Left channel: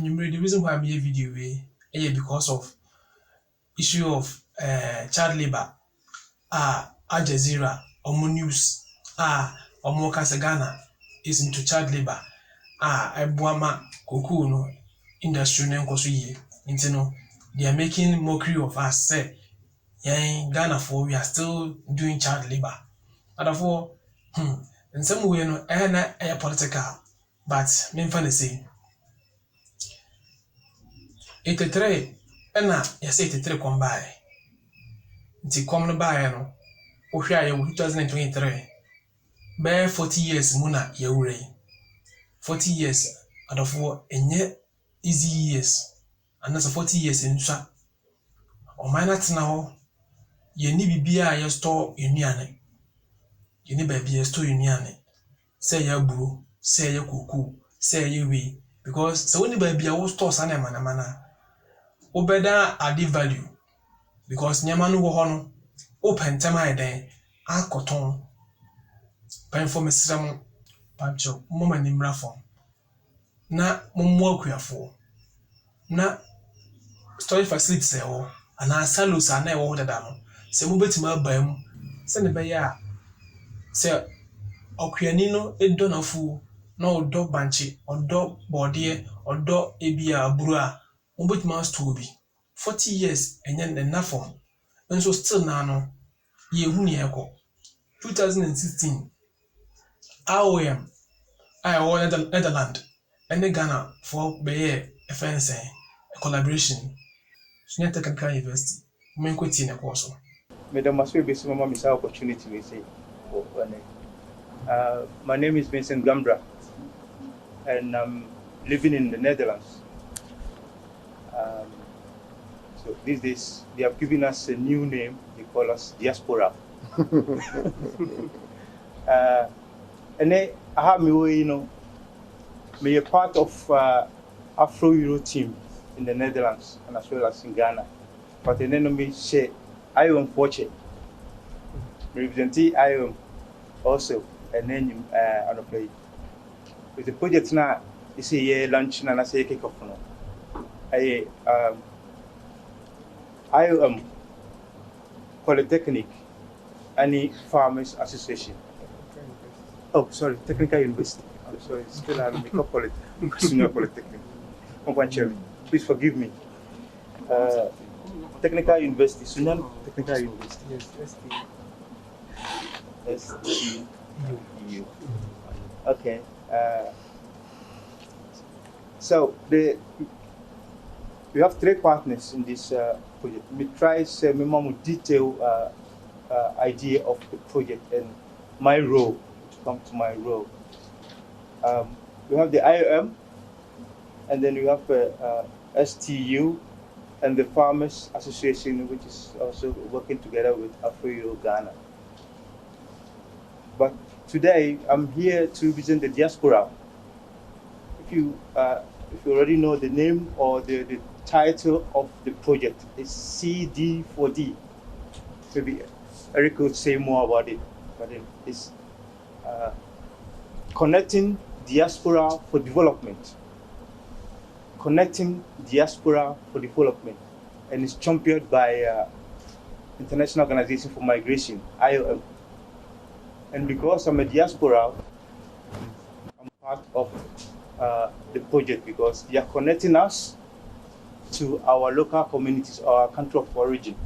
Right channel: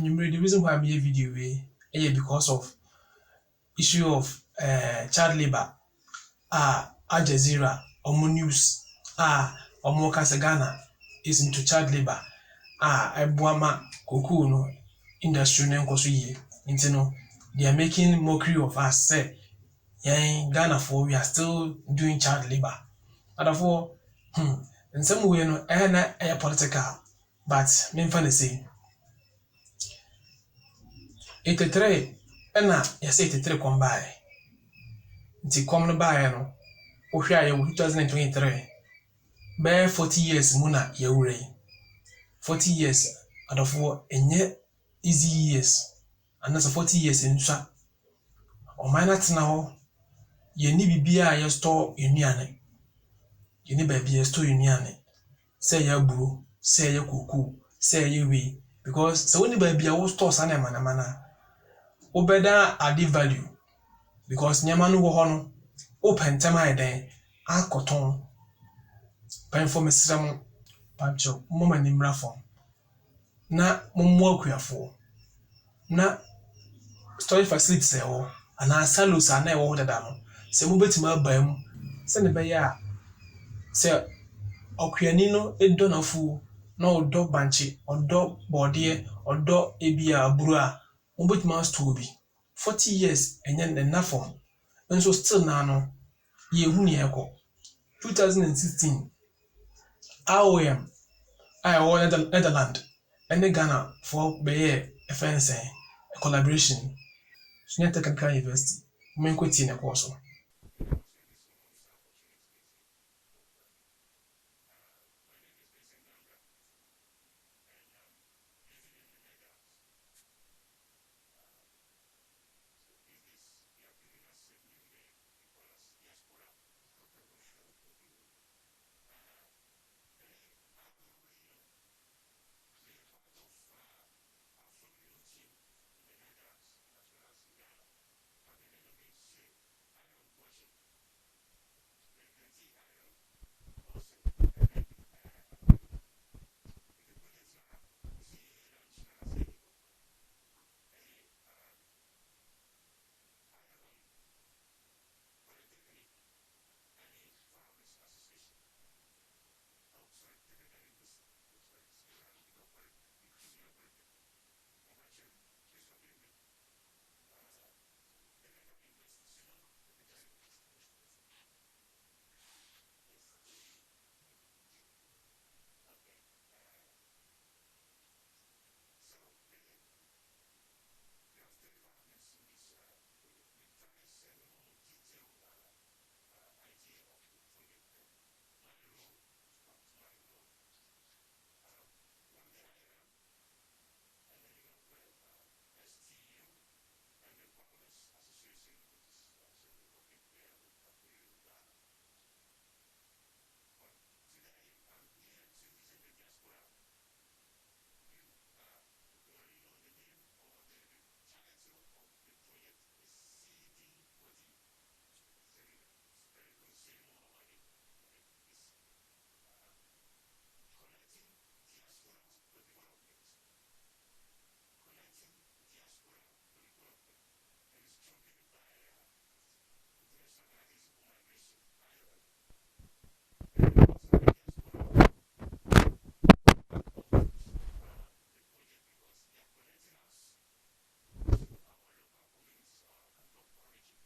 And the reason why I made a video because of issue of child labor. Al Jazeera, Omo News, Omo Ghana is into child labor. Ebuama Koku no industry no nkoso yie. Nti no, they are making mockery of us. Say, Ghana for we are still doing child labor. And therefore, in some way, no, political, but me fan say 83 ɛna yɛsɛ 83 kɔm baeɛ. Nti kɔm no baeɛ no, wohwɛ a yɛwɔ 2023 bɛyɛ 40 years mu na yɛwura yi. 40 years adɔfoɔ ɛnyɛ easy years anaasɛ 40 years nsua. Ɔman no atena hɔ, yɛnni biribiara a yɛstɔ nnuane. Yɛnni baabi yɛstɔ nnuane. Sɛ ɛyɛ aburo, sɛ ɛyɛ koko, sɛ ɛyɛ wei. Because sɛ wonni baabi a wostɔ saa nneɛma a, wobɛda ade value. Because nneɛma no wɔ hɔ no, wopɛ ntɛm ayɛ dɛn akɔtɔn. Pɛnfo mesrɛ mo, pankyɛw, moma ani mmra fam. Na mommoa akuafoɔ. Na storage facilities ɛwɔ anaa silos a na ɛwɔ hɔ dada no, sɛ mobɛtumi aba mu, sɛne ɛbɛyɛ a sɛ ɔkuani no ɛdɔ n'afuo na ɔdɔ bankye, ɔdɔ bɔɔdeɛ, ɔdɔ ebi a aburo a, mobɛtumi astɔɔ bi. 40 years ɛnyɛ nna fam. Nso still na no, yɛhu nea ɛkɔ. 2016, IOM a ɛwɔ Netherlands ɛne Ghana for bɛyɛ a collaboration. Sunya Technical University. Menkweti na ɛkɔɔ so. Madam Maswe Besi Mama Misa opportunity we say. My name is Vincent Gambra and I'm living in the Netherlands. So these days they have given us a new name. They call us diaspora. And then I have me a part of Afro Euro team in the Netherlands and as well as in Ghana. But then me say I am fortunate. Representing I am also and then on a play. With the project now, it's a year lunch and I say kick off no. I am Polytechnic and Farmers Association. Oh, sorry, Technical University. I'm sorry, still I'm Senior Polytechnic. Please forgive me. Technical University, Sunan Technical University. Yes, STU. Okay. So we have 3 partners in this project. We try to more detailed idea of the project and my role, to come to my role. We have the IOM, and then we have STU, and the Farmers Association, which is also working together with Afro Ghana. But today, I'm here to represent the diaspora. If you already know the name or the title of the project, it's CD4D. Maybe Eric could say more about it, but it's connecting diaspora for development. Connecting diaspora for development, and it's championed by International Organization for Migration, IOM. And because I'm a diaspora, I'm part of the project because they are connecting us to our local communities, our country of origin.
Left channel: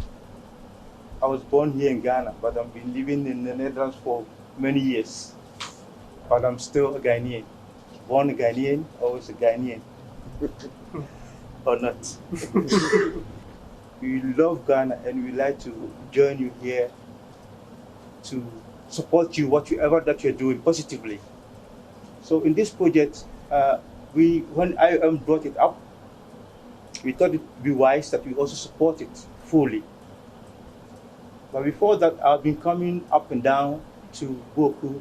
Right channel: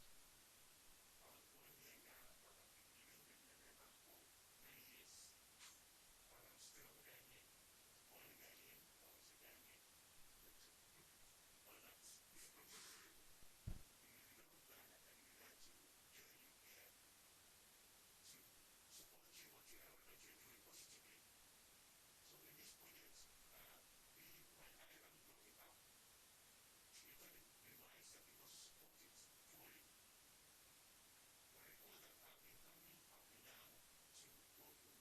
I was born here in Ghana, but I've been living in the Netherlands for many years. But I'm still a Ghanaian. Born a Ghanaian, always a Ghanaian. Or not. We love Ghana and we like to join you here to support you, whatever that you're doing positively. So in this project, when IOM brought it up, we thought it would be wise that we also support it fully. But before that, I've been coming up and down to Boku,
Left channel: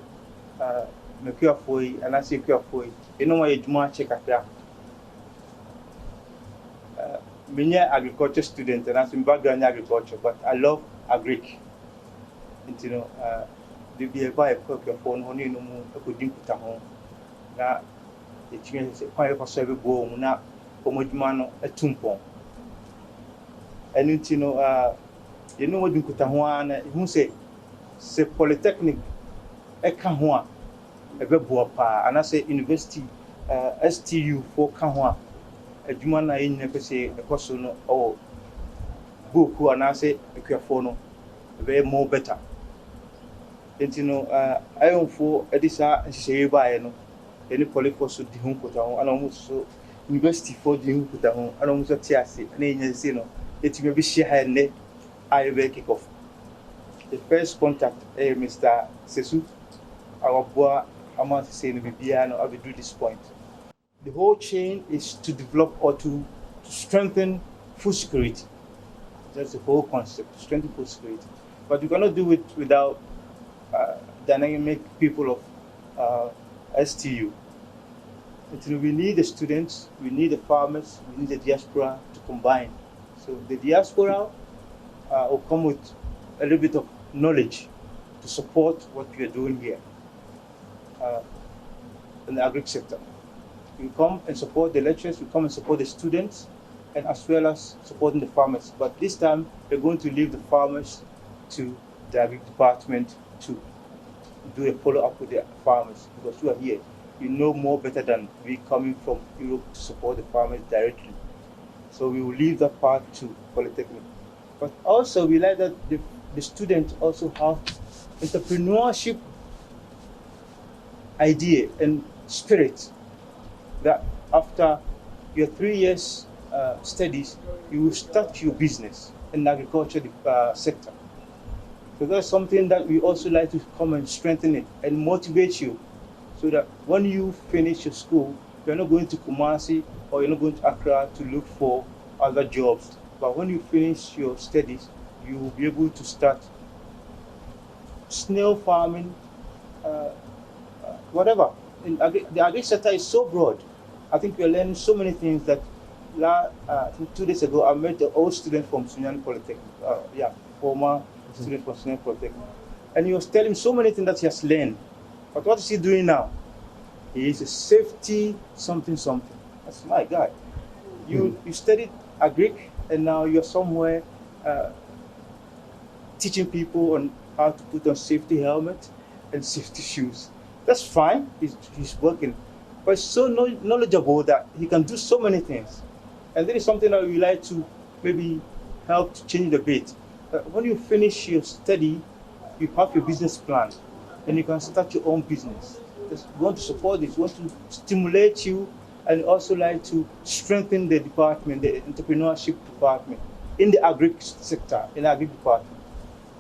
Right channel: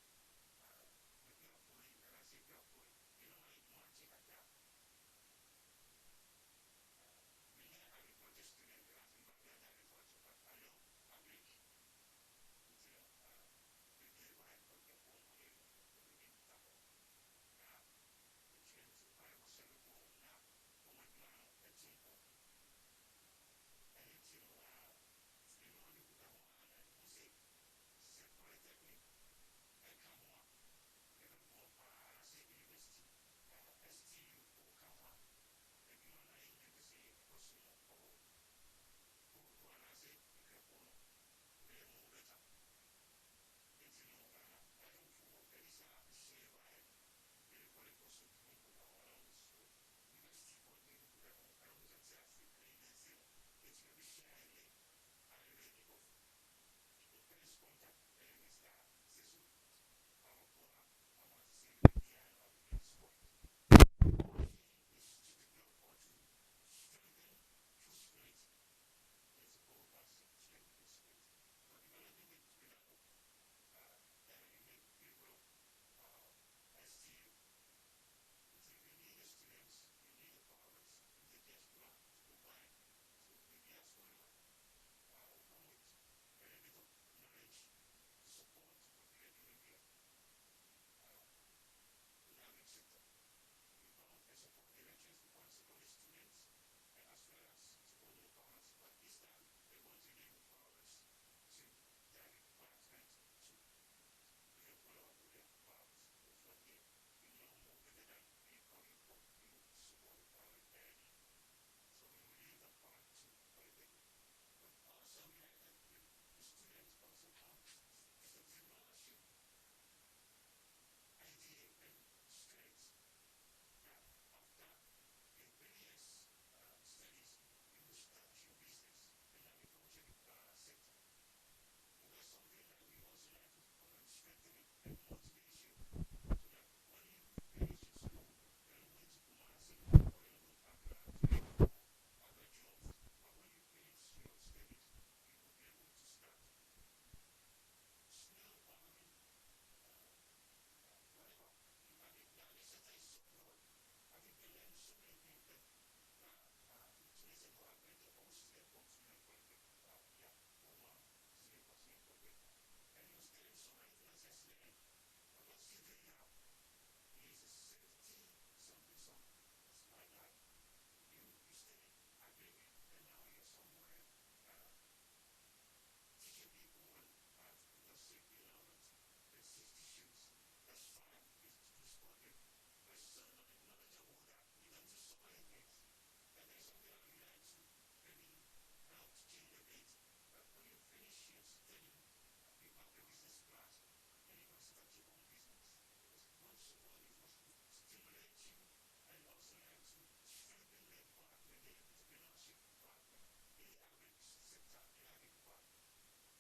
Mekuafoi, and I say Kuafoi. You know why you do check at that? I'm an agriculture student and I'm background in agriculture, but I love agric. And you know, the be a buy a cook your phone, honey, no more, a good drink with a home. Now, the change is quite a survey go now. adwuma no atumpɔn ɛno nti no yɛne wɔde nkuta ho ara na ɛhu sɛ polytechnic ɛka ho a ɛbɛboa paa anaasɛ university STU for ka ho a adwuma no a yɛnyina pɛ sɛ ɛkɔ so no ɔwɔ boku anaasɛ akuafoɔ no ɛbɛyɛ more better nti no ayɔmfoɔ ɛde saa nhyehyɛeɛ baeɛ no yɛne polyfoɔ so di ho nkuta ho ana ɔmo so university for di ho nkuta ho ana ɔmo so te ase na yɛnya sɛ no yɛtumi bɛhyia ha nnɛ a yɛbɛyɛ kick off. The first contact Mr. Sesu Awabua Ama say no Bibiano I will do this point. The whole chain is to develop or to strengthen food security. That's the whole concept, to strengthen food security. But you cannot do it without dynamic people of STU. We need the students, we need the farmers, we need the diaspora to combine. So the diaspora will come with a little bit of knowledge to support what we are doing here in the agri sector. We come and support the lecturers, we come and support the students, and as well as supporting the farmers. But this time, we're going to leave the farmers to the agri department to do a follow-up with the farmers, because you are here. You know more better than we coming from Europe to support the farmers directly. So we will leave that part to Polytechnic. But also, we like that the students also have entrepreneurship idea and spirit, that after your 3 years studies, you will start your business in the agriculture sector. So that's something that we also like to come and strengthen it and motivate you, so that when you finish your school, you're not going to Kumasi or you're not going to Accra to look for other jobs. But when you finish your studies, you will be able to start snail farming, whatever. The agri sector is so broad. I think we're learning so many things that I think 2 days ago I met an old student from Sunyani Polytechnic, former student from Sunyani Polytechnic. And he was telling so many things that he has learned. But what is he doing now? He is a safety something. That's my guy. You studied agric and now you're somewhere teaching people on how to put on safety helmet and safety shoes. That's fine, he's working. But he's so knowledgeable that he can do so many things. And that is something that we like to maybe help to change the bit. When you finish your study, you have your business plan and you can start your own business. We want to support this, we want to stimulate you, and also like to strengthen the department, the entrepreneurship department in the agri sector, in the agri department.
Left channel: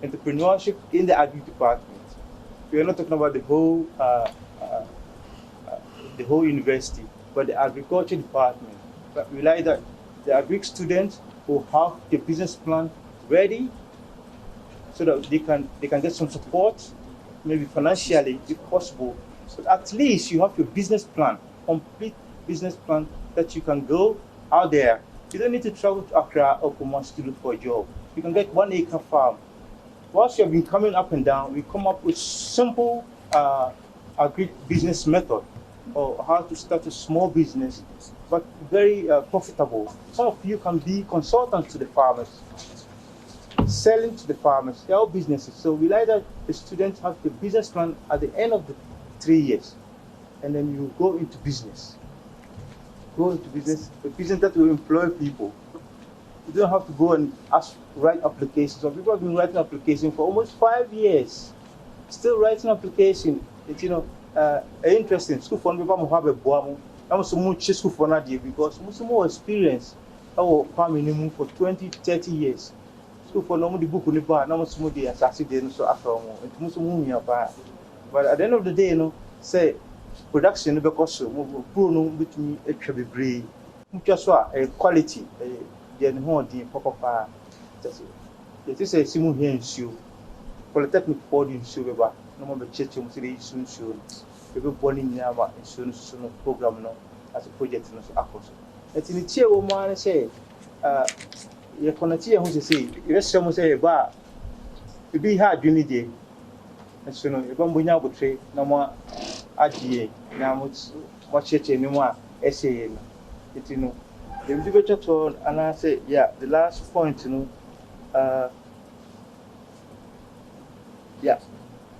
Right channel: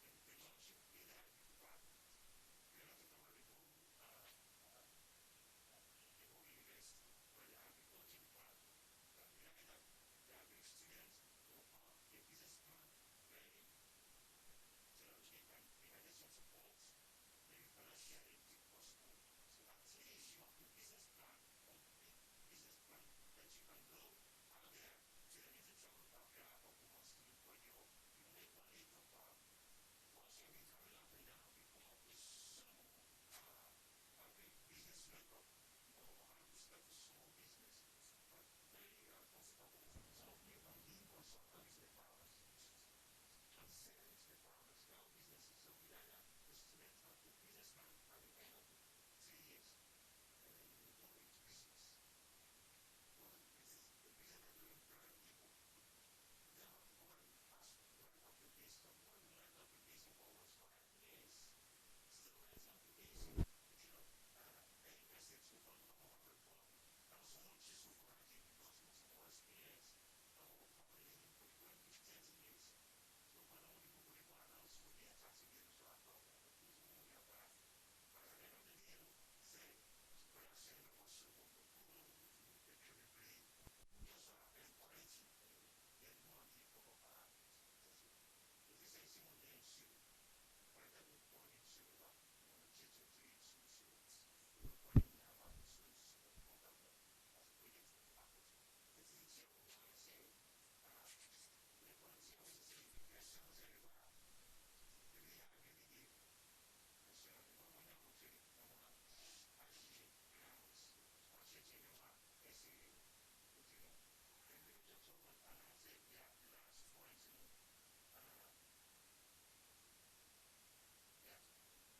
Entrepreneurship in the agri department. We are not talking about the whole university, but the agriculture department. But we like that the agri students will have the business plan ready, so that they can get some support, maybe financially if possible. So at least you have your business plan, complete business plan, that you can go out there. You don't need to travel to Accra or Kumasi to look for a job. You can get 1 acre farm. Once you have been coming up and down, we come up with simple agri business method, or how to start a small business, but very profitable. Some of you can be consultants to the farmers, selling to the farmers, their own businesses. So we like that the students have the business plan at the end of the 3 years, and then you go into business. Go into business, a business that will employ people. You don't have to go and write applications. So people have been writing applications for almost 5 years, still writing application. It's interesting. School for people have a boam. I'm so much school for Nadia because most more experience. Our farming for 20, 30 years. School for no the book on the bar. Now most more the assassin so after it most more. But at the end of the day, say production because poor no between a chubby breed. Just a quality. Then hold the papa. It is a simul here in shoe. Polytechnic for the shoe, no more church, soon soon. People born in Yama and soon program as a project. It's in the chair woman say, you're going to who say, yes, someone say, bar. You be hard, you need it. And so, you're going to trade no more AGA, now much church anymore, essay. The individual told, and I say, yeah, the last point, yeah,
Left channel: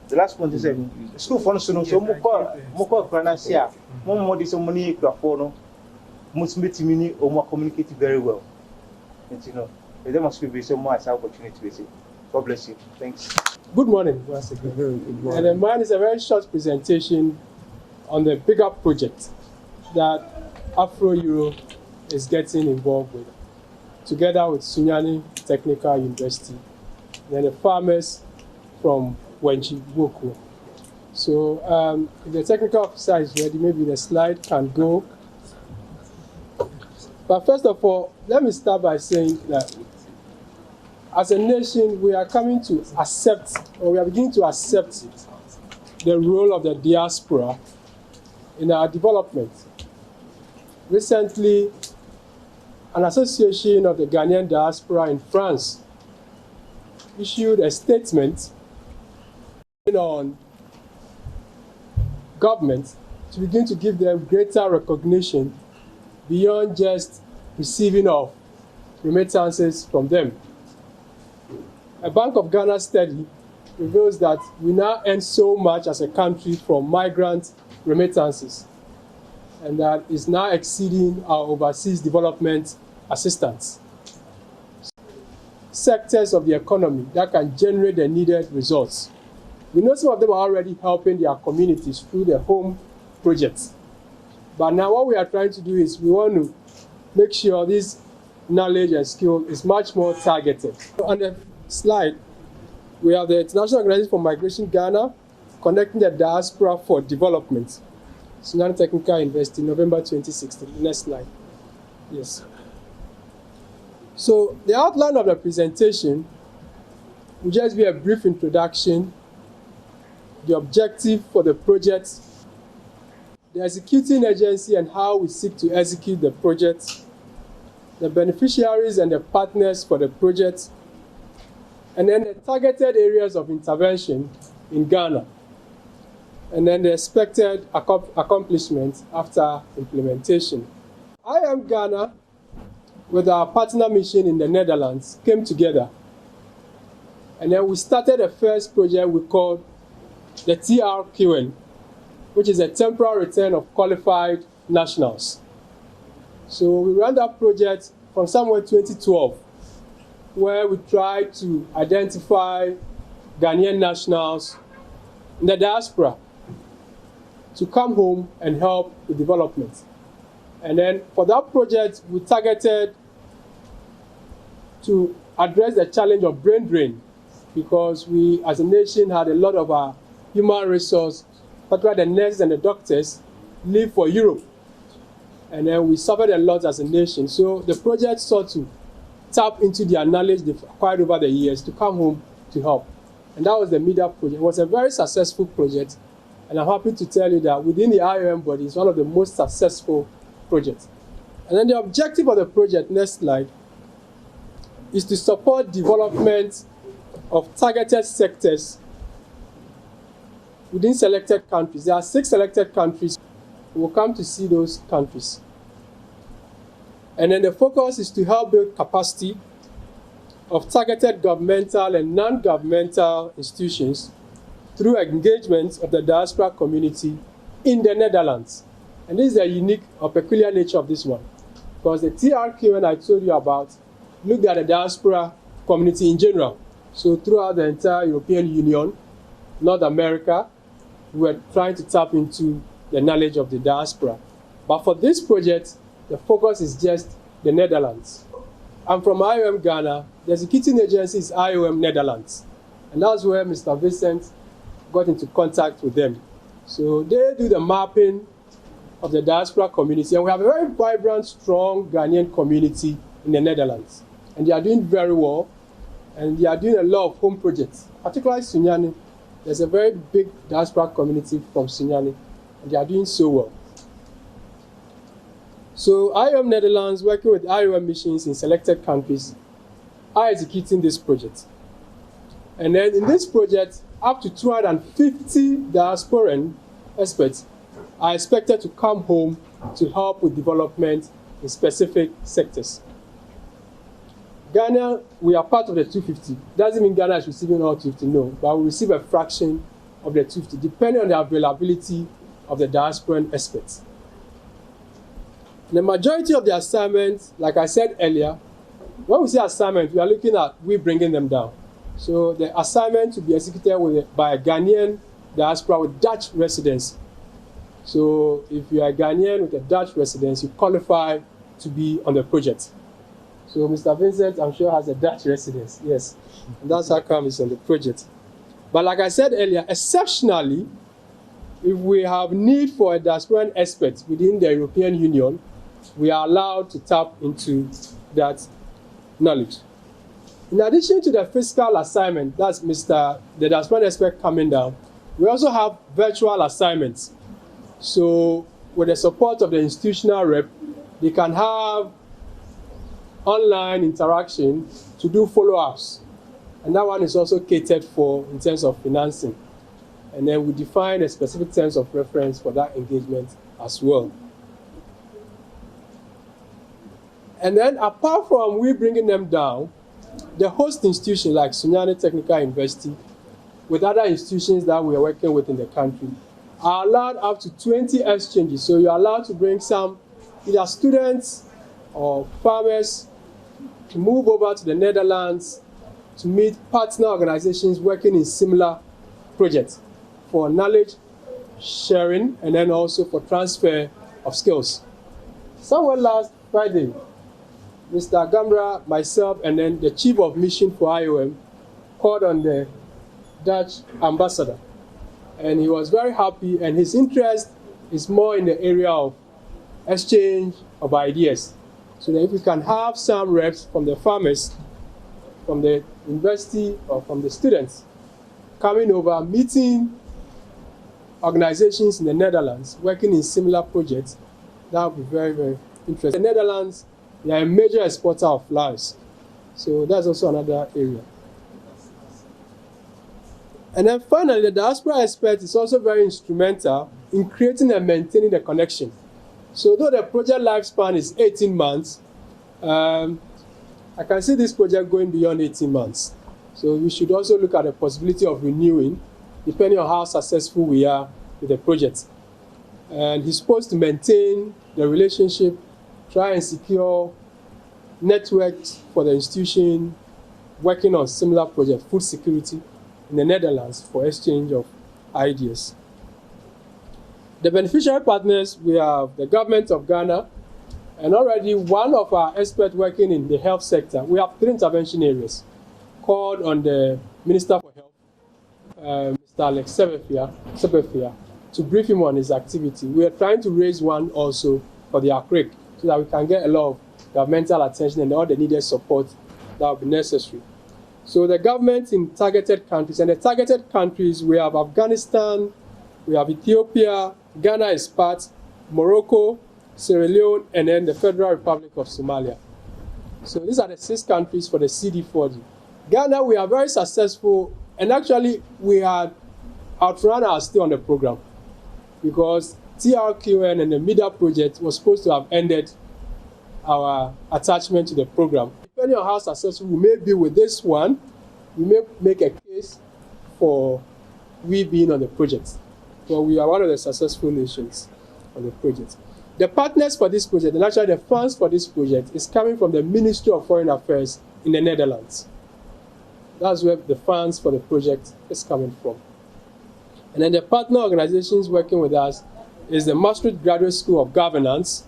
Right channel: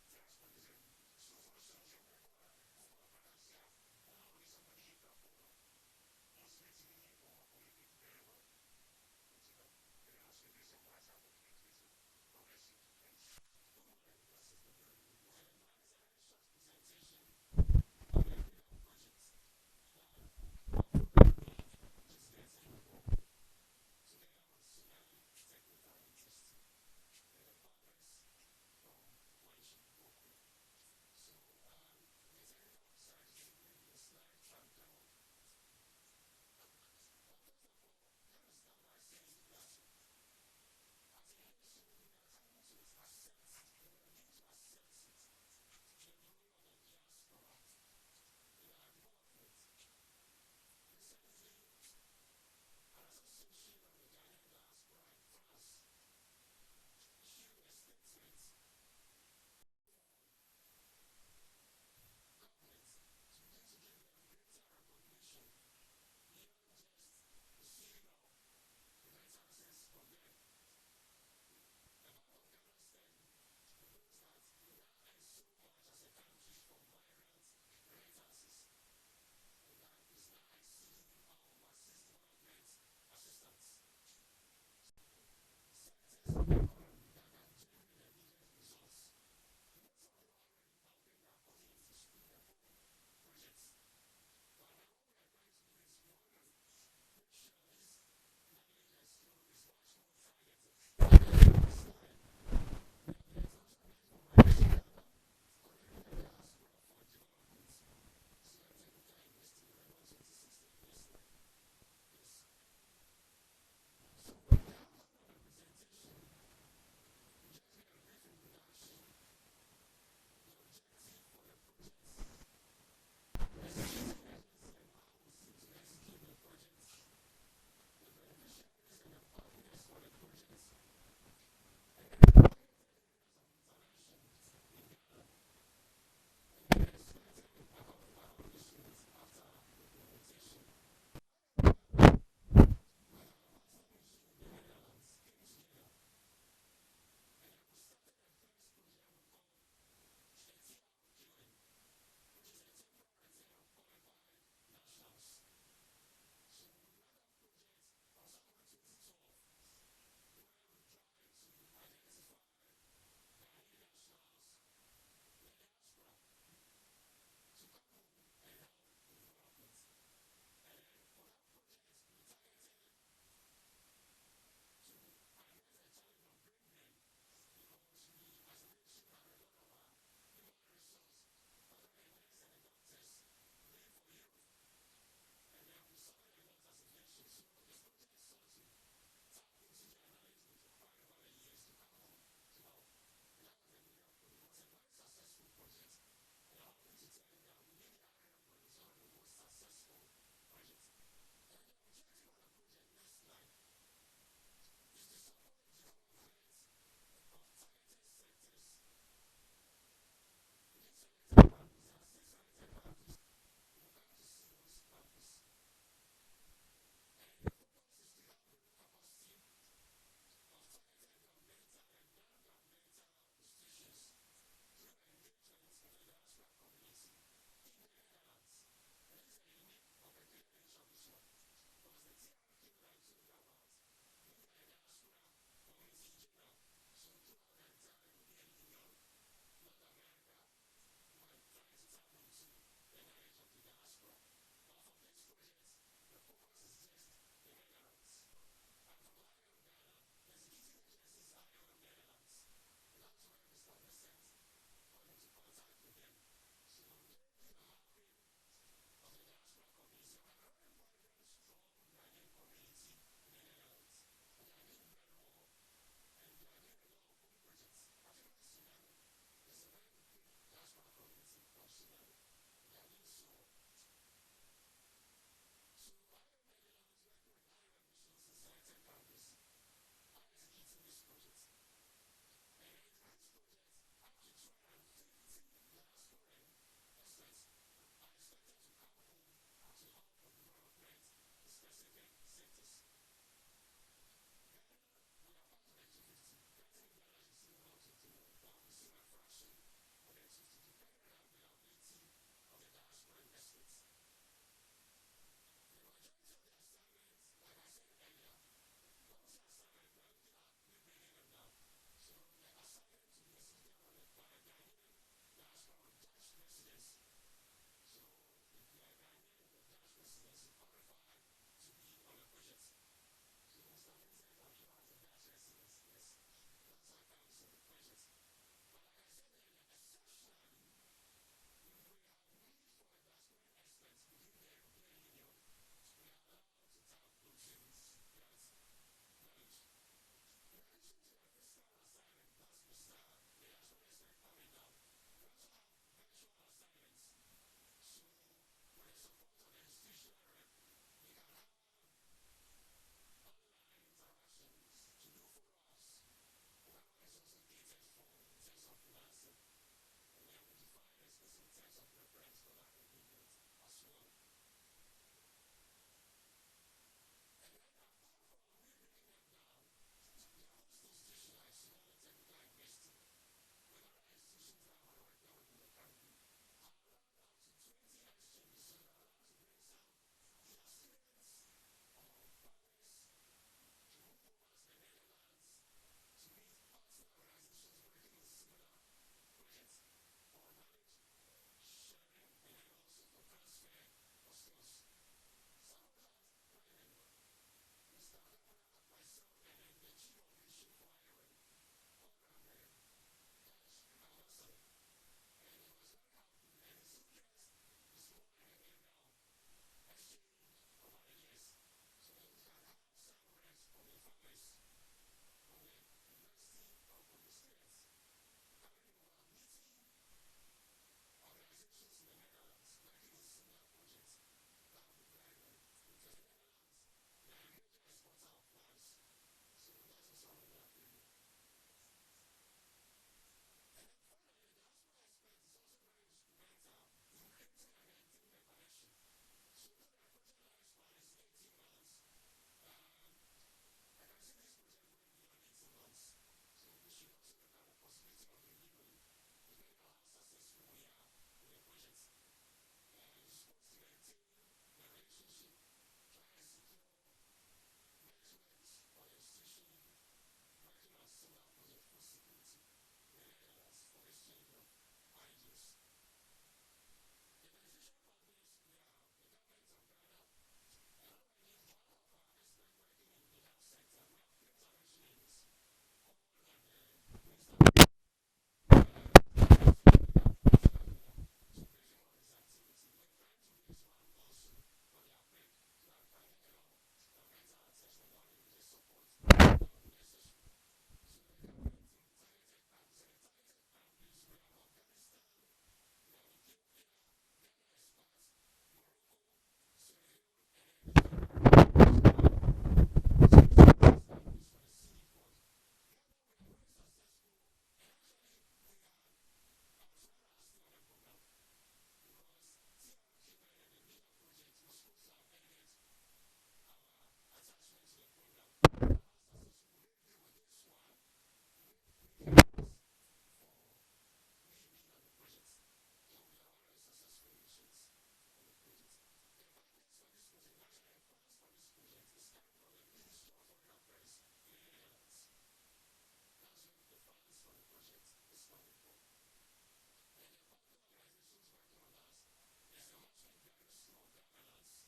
the last point is school funds, so more financial, more this money, must meet me or more communicate very well. And there must be so much opportunity to see. God bless you. Thanks. Good morning once again. Good morning. And mine is a very short presentation on the bigger project that Afro-Euro is getting involved with, together with Sunyani Technical University, and the farmers from Wenchi Woku. So if the technical officer is ready, maybe the slide can go. But first of all, let me start by saying that as a nation, we are coming to accept, or we are beginning to accept the role of the diaspora in our development. Recently, an association of the Ghanaian diaspora in France issued a statement on government to begin to give them greater recognition beyond just receiving of remittances from them. A Bank of Ghana study reveals that we now earn so much as a country from migrant remittances, and that is now exceeding our overseas development assistance. Sectors of the economy that can generate the needed results. We know some of them are already helping their communities through the home projects. But now what we are trying to do is we want to make sure this knowledge and skill is much more targeted. On the slide, we have the International Organization for Migration Ghana connecting the diaspora for development. Sunyani Technical University, November 2016. Next slide. Yes. So the outline of the presentation will just be a brief introduction, the objective for the project, the executing agency and how we seek to execute the project, the beneficiaries and the partners for the project, and then the targeted areas of intervention in Ghana, and then the expected accomplishments after implementation. IOM Ghana, with our partner mission in the Netherlands, came together, and then we started the first project we called the TRQN, which is a temporary return of qualified nationals. So we ran that project from somewhere 2012, where we tried to identify Ghanaian nationals in the diaspora to come home and help with development. And then for that project, we targeted to address the challenge of brain drain, because we as a nation had a lot of our human resource, particularly the nurses and the doctors, leave for Europe. And then we suffered a lot as a nation. So the project sought to tap into their knowledge they've acquired over the years to come home to help. And that was the MEDA project. It was a very successful project. And I'm happy to tell you that within the IOM body, it's one of the most successful projects. And then the objective of the project, next slide, is to support development of targeted sectors within selected countries. There are 6 selected countries. We'll come to see those countries. And then the focus is to help build capacity of targeted governmental and non-governmental institutions through engagement of the diaspora community in the Netherlands. And this is a unique or peculiar nature of this one, because the TRQN I told you about looked at the diaspora community in general. So throughout the entire European Union, North America, we were trying to tap into the knowledge of the diaspora. But for this project, the focus is just the Netherlands. I'm from IOM Ghana. The executing agency is IOM Netherlands. And that's where Mr. Vincent got into contact with them. So they do the mapping of the diaspora community. And we have a very vibrant, strong Ghanaian community in the Netherlands. And they are doing very well. And they are doing a lot of home projects, particularly Sunyani. There's a very big diaspora community from Sunyani, and they are doing so well. So IOM Netherlands, working with IOM missions in selected countries, are executing this project. And then in this project, up to 250 diasporan experts are expected to come home to help with development in specific sectors. Ghana, we are part of the 250. Doesn't mean Ghana is receiving all 250, no, but we receive a fraction of the 250, depending on the availability of the diasporan experts. The majority of the assignments, like I said earlier, when we say assignment, we are looking at we bringing them down. So the assignment to be executed by a Ghanaian diaspora with Dutch residence. So if you are a Ghanaian with a Dutch residence, you qualify to be on the project. So Mr. Vincent, I'm sure, has a Dutch residence, yes. And that's how come he's on the project. But like I said earlier, exceptionally, if we have need for a diasporan expert within the European Union, we are allowed to tap into that knowledge. In addition to the physical assignment, that's the diasporan expert coming down, we also have virtual assignments. So with the support of the institutional rep, they can have online interaction to do follow-ups. And that one is also catered for in terms of financing. And then we define a specific terms of reference for that engagement as well. And then apart from we bringing them down, the host institution like Sunyani Technical University, with other institutions that we are working with in the country, are allowed up to 20 exchanges. So you're allowed to bring some either students or farmers to move over to the Netherlands to meet partner organizations working in similar projects for knowledge sharing and then also for transfer of skills. Somewhere last Friday, Mr. Gambra, myself, and then the chief of mission for IOM called on the Dutch ambassador. And he was very happy, and his interest is more in the area of exchange of ideas. So that if we can have some reps from the farmers, from the university, or from the students coming over, meeting organizations in the Netherlands, working in similar projects, that would be very, very interesting. The Netherlands, they are a major exporter of flowers. So that's also another area. And then finally, the diaspora expert is also very instrumental in creating and maintaining the connection. So though the project lifespan is 18 months, I can see this project going beyond 18 months. So we should also look at the possibility of renewing, depending on how successful we are with the project. And he's supposed to maintain the relationship, try and secure networks for the institution working on similar projects, food security in the Netherlands for exchange of ideas. The beneficiary partners, we have the government of Ghana, and already one of our experts working in the health sector. We have 3 intervention areas called on the Minister for Mr. Alex Sebefia to brief him on his activity. We are trying to raise one also for the ACRIC so that we can get a lot of governmental attention and all the needed support that will be necessary. So the government in targeted countries, and the targeted countries, we have Afghanistan, we have Ethiopia, Ghana is part, Morocco, Sierra Leone, and then the Federal Republic of Somalia. So these are the 6 countries for the CD40. Ghana, we are very successful, and actually we had outrun our stay on the program because TRQN and the MIDA project was supposed to have ended our attachment to the program. Depending on how successful we may be with this one, we may make a case for we being on the project. So we are one of the successful nations on the project. The partners for this project, and actually the funds for this project, is coming from the Ministry of Foreign Affairs in the Netherlands. That's where the funds for the project is coming from. And then the partner organizations working with us is the Maastricht Graduate School of Governance,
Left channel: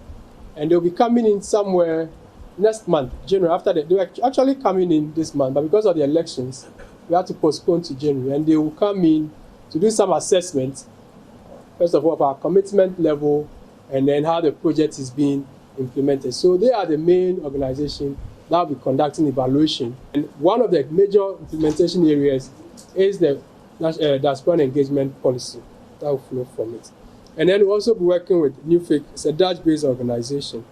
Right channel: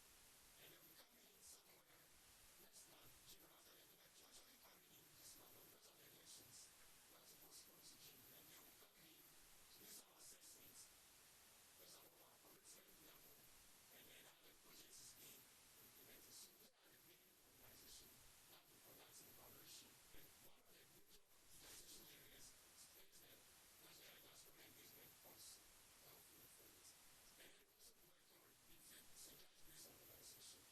and they'll be coming in somewhere next month, January, after they were actually coming in this month, but because of the elections, we had to postpone to January, and they will come in to do some assessments, first of all, of our commitment level, and then how the project is being implemented. So they are the main organization that will be conducting evaluation. And one of the major implementation areas is the diaspora engagement policy that will flow from it. And then we'll also be working with NUFIC, it's a Dutch-based organization.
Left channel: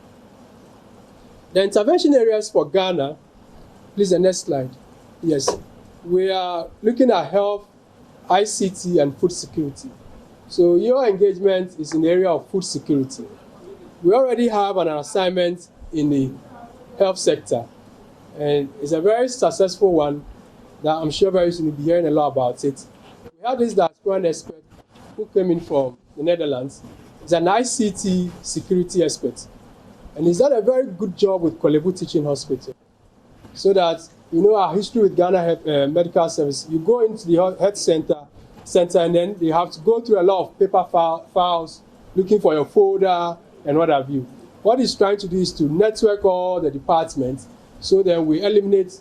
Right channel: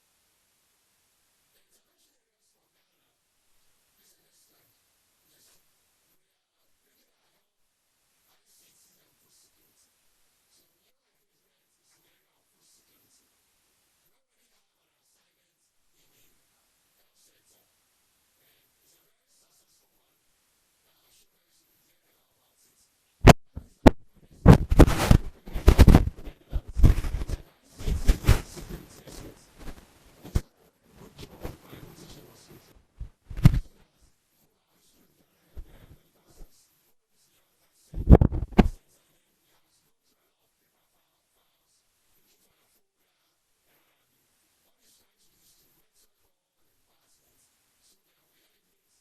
The intervention areas for Ghana, please, the next slide. Yes, we are looking at health, ICT, and food security. So your engagement is in the area of food security. We already have an assignment in the health sector. And it's a very successful one that I'm sure very soon you'll be hearing a lot about it. We had this diasporan expert who came in from the Netherlands. He's an ICT security expert. And he's done a very good job with Korle Bu Teaching Hospital. So that, you know, our history with Ghana Medical Service, you go into the health center and then you have to go through a lot of paper files, looking for your folder and what have you. What he's trying to do is to network all the departments, so then we eliminate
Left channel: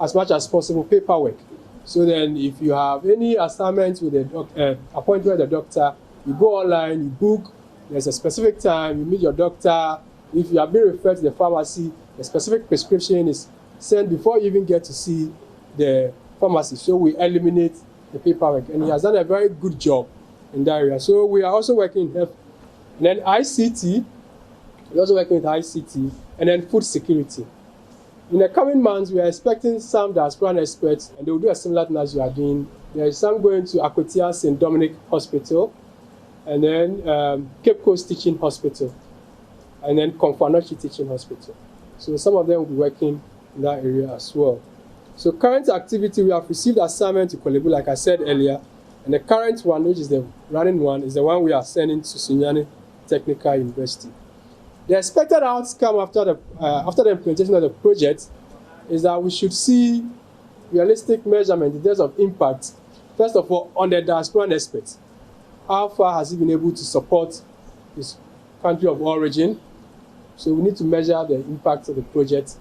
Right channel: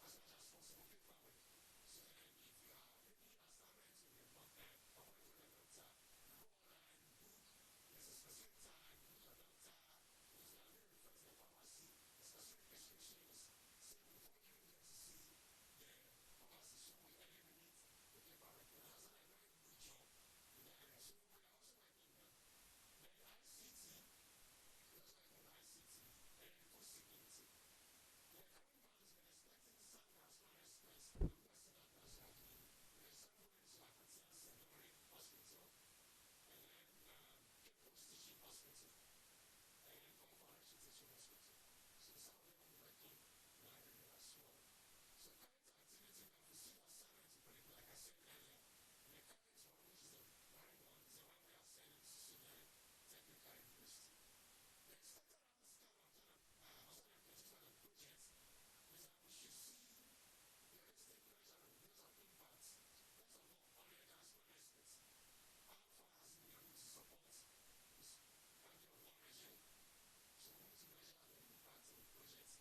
as much as possible paperwork. So then if you have any assignments with a appointment with a doctor, you go online, you book, there's a specific time, you meet your doctor. If you have been referred to the pharmacy, a specific prescription is sent before you even get to see the pharmacy. So we eliminate the paperwork, and he has done a very good job in that area. So we are also working in health, and then ICT, we're also working with ICT, and then food security. In the coming months, we are expecting some diasporan experts, and they will do a similar thing as you are doing. There is some going to Akwatia St. Dominic Hospital, and then Cape Coast Teaching Hospital, and then Komfo-Anokye Teaching Hospital. So some of them will be working in that area as well. So current activity, we have received assignment to Korle Bu, like I said earlier, and the current one, which is the running one, is the one we are sending to Sunyani Technical University. The expected outcome after the implementation of the project is that we should see realistic measurement in terms of impact. First of all, on the diasporan aspect, how far has he been able to support his country of origin? So we need to measure the impact of the project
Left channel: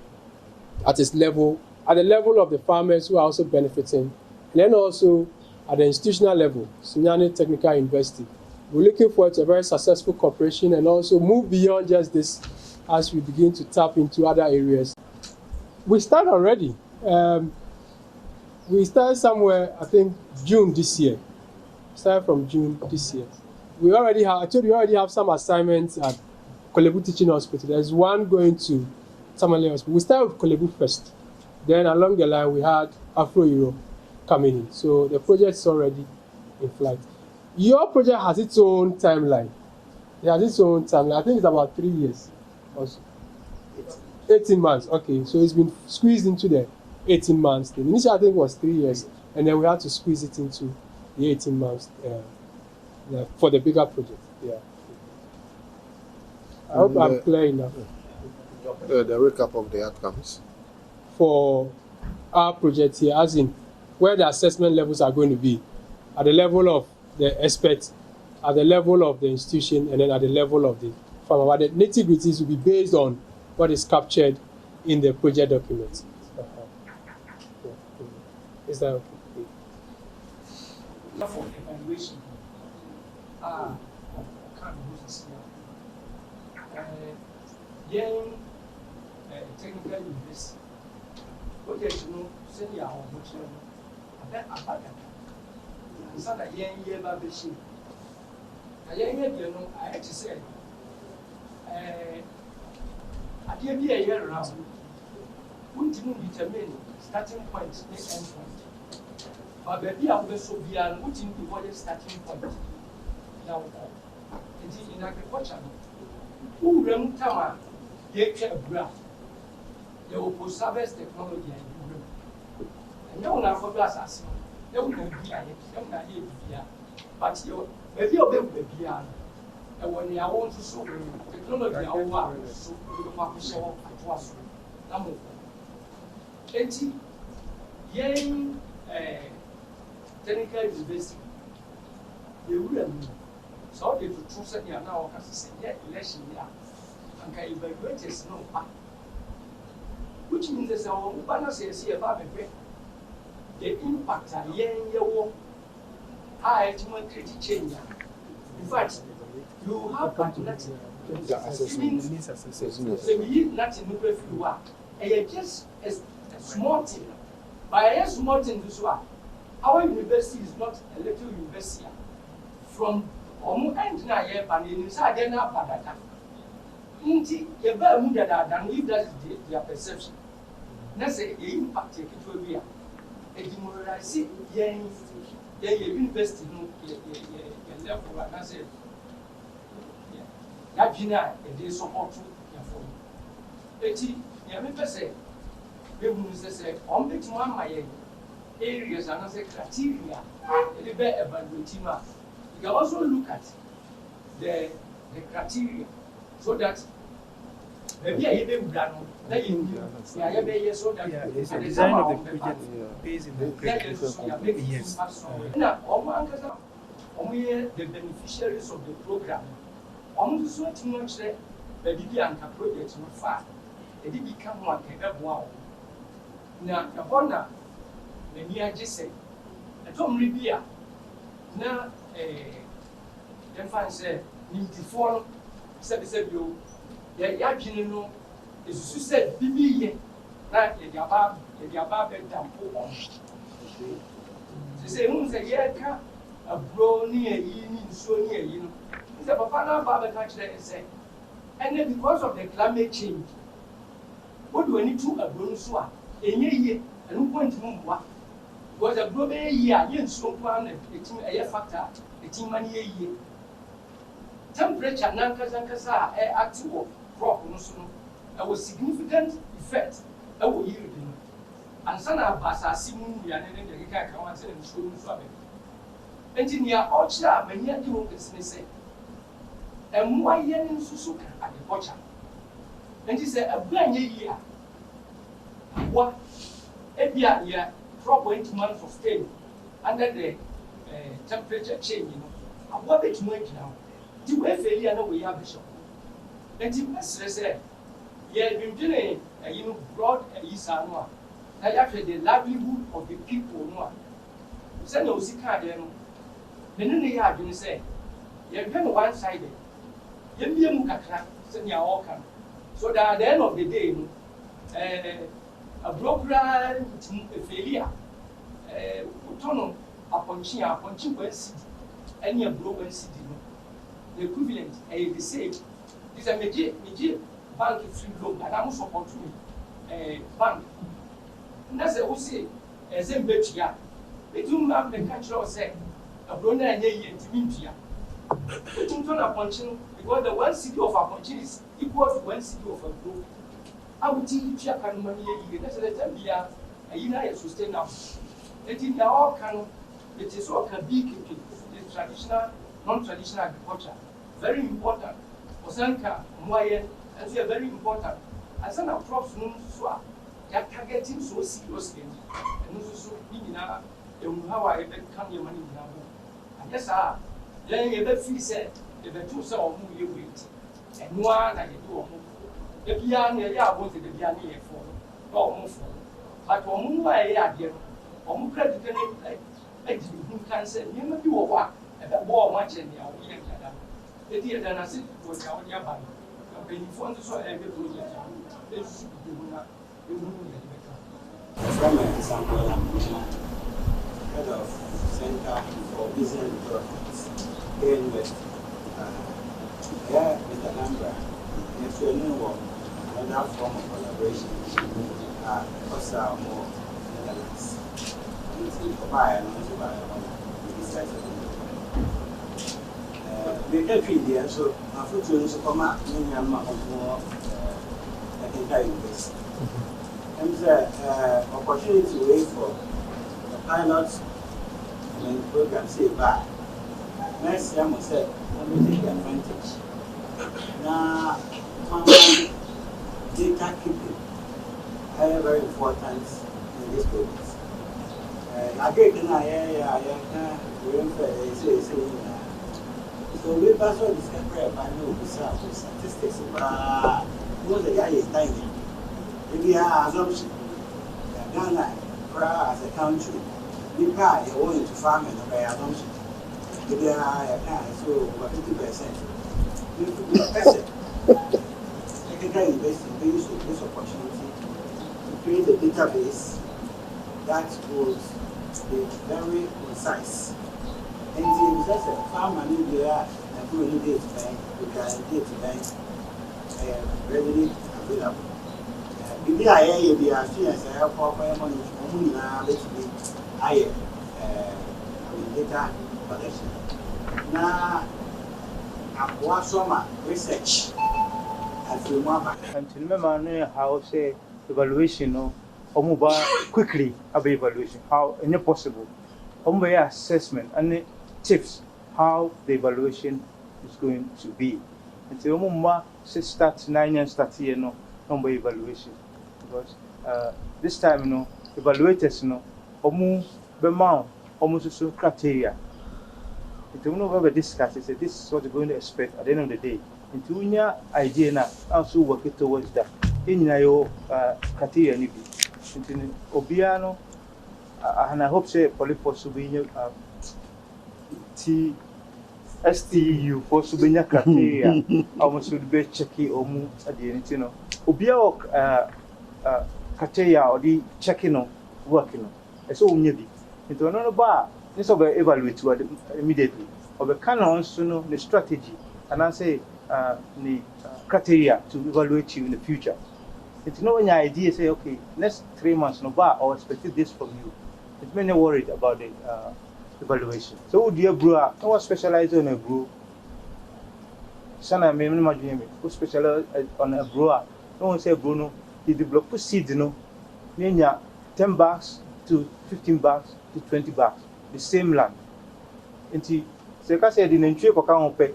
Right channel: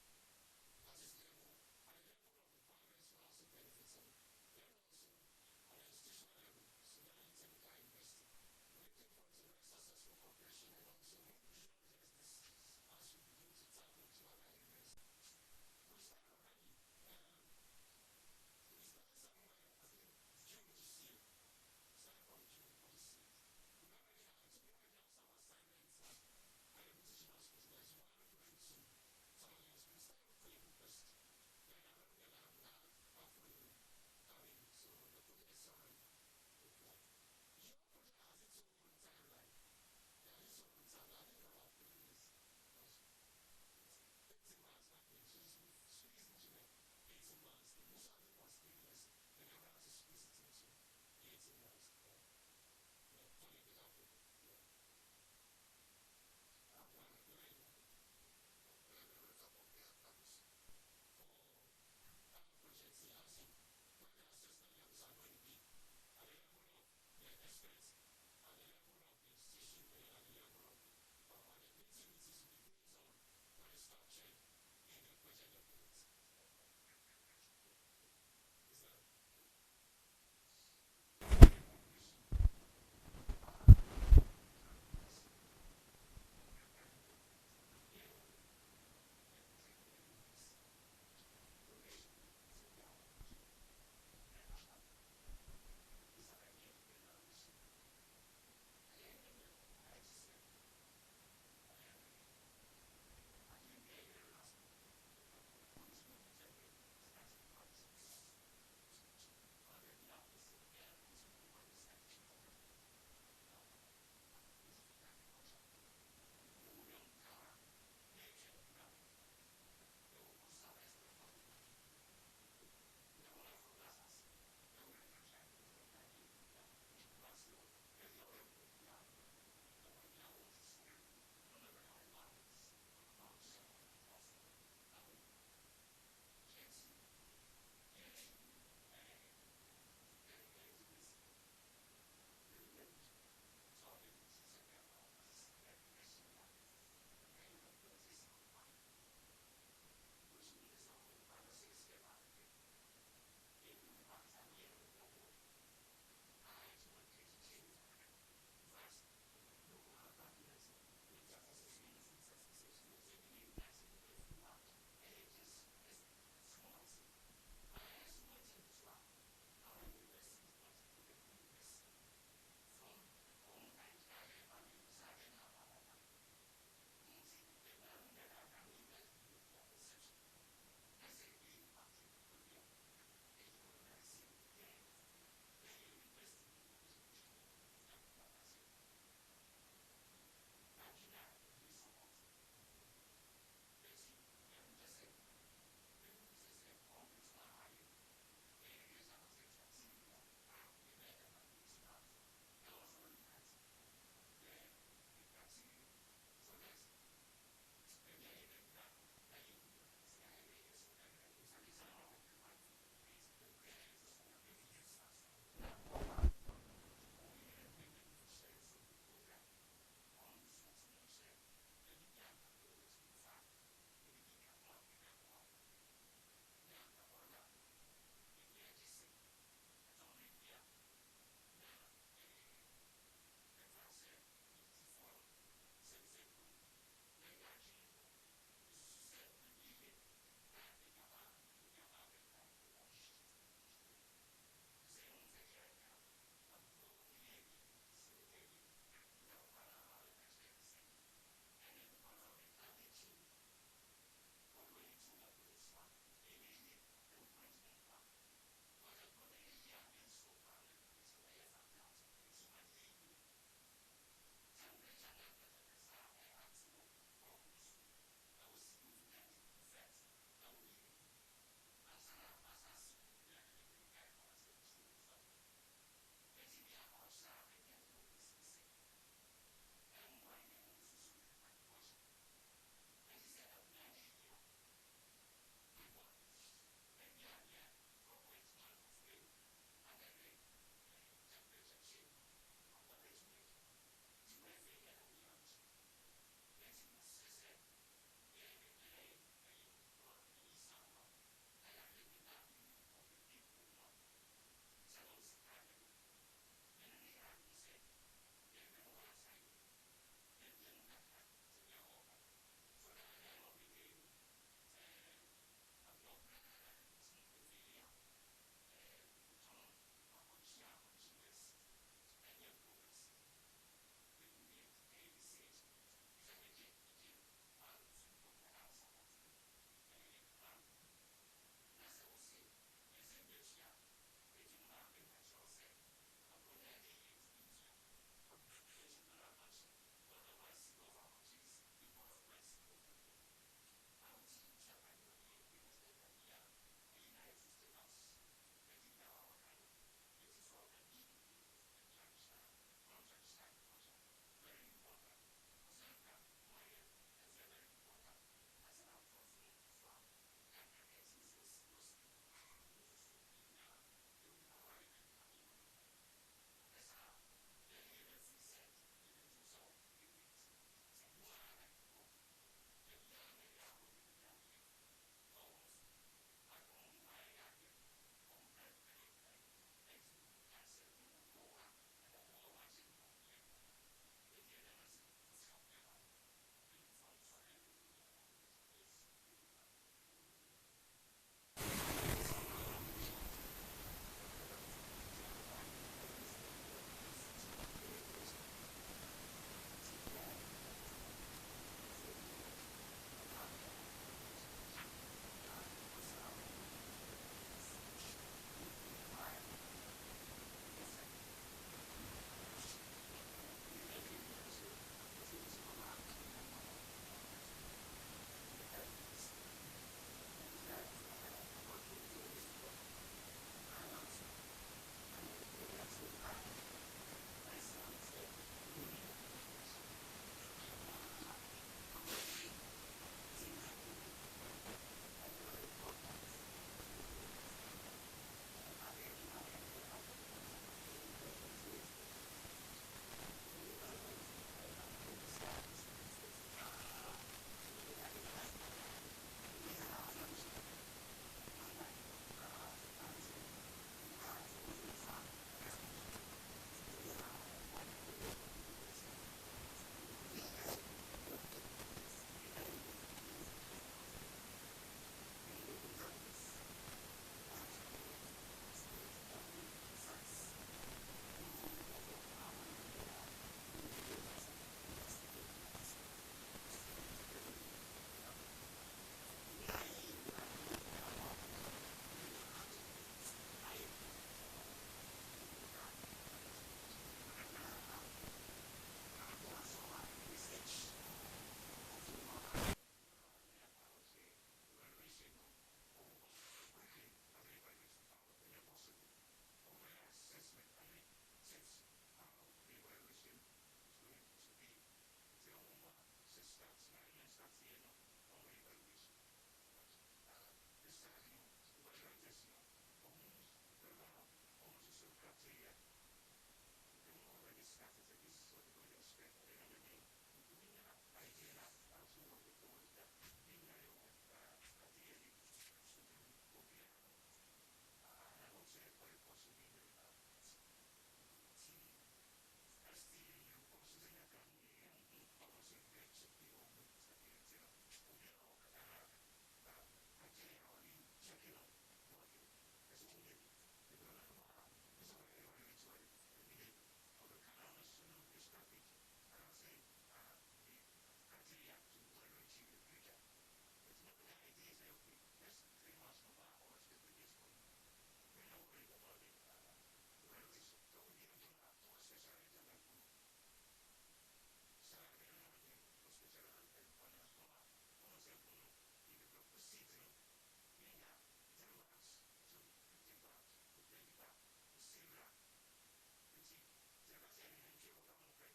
at its level, at the level of the farmers who are also benefiting, and then also at the institutional level, Sunyani Technical University. We're looking forward to a very successful cooperation and also move beyond just this as we begin to tap into other areas. We start already. We started somewhere, I think, June this year. Started from June this year. We already have, I told you, we already have some assignments at Korle Bu Teaching Hospital. There's one going to Tamale Hospital. We started with Korle Bu first. Then along the line, we had Afro Euro coming in. So the project is already in flight. Your project has its own timeline. It has its own timeline. I think it's about 3 years. Also. 18 months. Okay, so it's been squeezed into the 18 months thing. Initially, I think it was 3 years, and then we had to squeeze it into the 18 months for the bigger project. Yeah. I hope I'm clear enough. The recap of the outcomes for our project here, as in where the assessment levels are going to be, at the level of the experts, at the level of the institution, and then at the level of the farmer. But the nitty-gritties will be based on what is captured in the project documents. Is that okay? For evaluation, technical university, what you know, send your own so that young year baby sheep. A young year, you know, I had to say, I did be a year around. Wouldn't you determine starting point, the end point? But baby, I will so be an wouldn't be what is starting point. Now, it is in agriculture. Who run Tama, they care graph. They will post service technology and you know, now for glass. They will not be here, but you maybe you'll be here. And when you want to show technology, I want to show at once. Number 80 young technical university, they will so they to choose it now as a election year and can evaluate is no, which means there's a balance here about the impact a young I create change. In fact, you have nothing. Just a small thing. By a small thing, this one, our university is not a little university. From end na year, and inside then up at that. Indeed, the better mood than if that is their perception. That's the impact it will be. A demoralizing young university, no level, and I said, that Gina, a day so hot. eti ya me pese be hu se on be tuma amaye areas and as a criteria it be evaluate ma you can also look at the criteria so that maybe I be wura no na you ya be so that the design of the project based in the criteria. Yes. Now, the beneficiaries of the program, almost so much that the Bianca projects were far. It did become one wow. Now, the Honda, the near Jesse, a Tom Ribia. Now, then find say, need to follow, said you, the Yajino is said, Bibi, that the above dampo on. She said, who's a year a bro near ye, so near you. It's a papa Baba touch there and say, and then because of the climate change, what do I need to a bronswa? A year and who went to what? Because a bro a year, yen so one, a year factor, a team money a year. Temperature, Nankasa, active crop, there was significant effect. I will yield. And son of Bassa Simon, we are in the Rika Council and Shun Swabi. Engineer Ocha, many of you can say, and why yen in Susuka at the Pocha? And he said, a blind year. What? A year, crop went to months of stay under the temperature change, what it's going now. The way failure, no, we have a shop. And he must say, yeah, you've been doing a broad Isanoa. Actually, the livelihood of the people, no. Send no Zika, the new year, you say, you're one sided. You be a mukaka, send your all come. So that at the end of the day, a broker failure, Tono, upon chin, one city, any a broken city, the equivalent, the same. This is a major bank free loan, and I'm also opportunity bank. That's a say, as in Betria. They do not the country or say, a brother and ye to India. They don't turn upon chin because the one city of Aponchin is equal to one city of a group. I would teach you a money a year. That's a year sustainable. It is now can, it is all can be keeping the traditional, non traditional agriculture. Very important. Osanka, Moyen, and they are very important. As an approach, no swap. They are targeting so seriously, and also being how I come your money now. And yes, then you ever feel said, if the two saw who you wait, and one I do. The piano, I wanted the piano for, or more for. But on who I had here, on credit, like who can say, you may do what, and that war much in the young. The dear than I said was our nearby. When you found the soil, every project, this you from an example, head of Center for Business Development here in West. Here with a number, if you know another form of collaboration, also more Netherlands. And buy and also buy this type of the country there, so unfortunately, so come out, many of more university. And the opportunity to wait for the pilot and program say bye. Next year, I said, let me take advantage. Now, data keeping is very important in this business. I get in so we pass all this by no statistics about what the guy is tiny. Maybe our assumption Ghana as a country, we buy a want to farm and by assumption. Maybe so 50%. Technical investing use this opportunity to create a database that will be very concise. And the just a farm money there and do any date bank, we can date bank readily available. Maybe I hear the experience I have for money only now, let's be higher data collection. Now, I want some research And to remember how say evaluation no quickly about evaluation, how any possible. Assessment and tips how the evaluation is going to be. And so start 9 years start here no evaluation. Because this time evaluators almost so criteria. It will never discuss. Say this is what you're going to expect at the end of the day. Into your idea now, also work it towards that. In your criteria, into Obiano, and I hope say Polypos will be STU for Subinia criteria. Almost would be checky or move at the end. Obia criteria or the checking working. It's all needy. Into another bar. This will evaluate immediately. Or the canons to know the strategy and I say the criteria to evaluate you in the future. It's not any idea say okay, next 3 months no bar or expected this from you. It's many worried about the evaluation. So dear brewer, no one specialized on a brew. Sana me imagine me who specialize on a brewer. No one say Bruno, he develop seed 10 bags to 15 bags to 20 bags. The same land. Until the say the entry for can pay.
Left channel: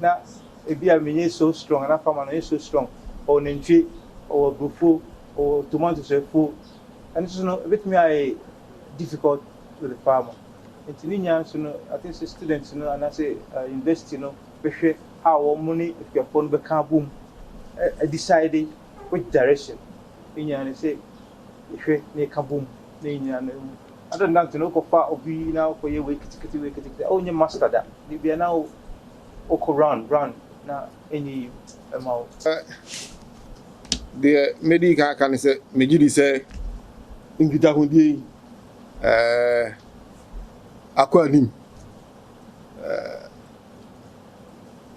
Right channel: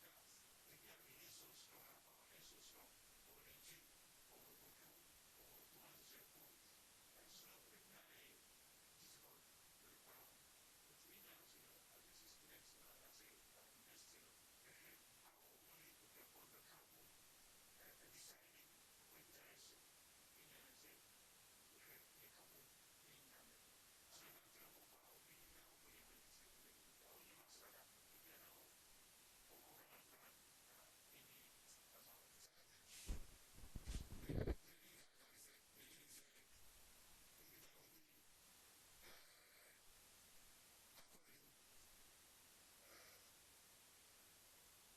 Now, if you are so strong and a farmer is so strong, or an entry or buffo or tomatoes are full, and it's a bit more difficult with the farmer. Until I think the students, and I say invest, how money if your phone become boom, deciding which direction. In say, if you can boom, I don't know to know far of you now for your wake. Oh, you master that. You are now run now any amount. The medical can say, Majidi say, in Gitahundi, Aquadim.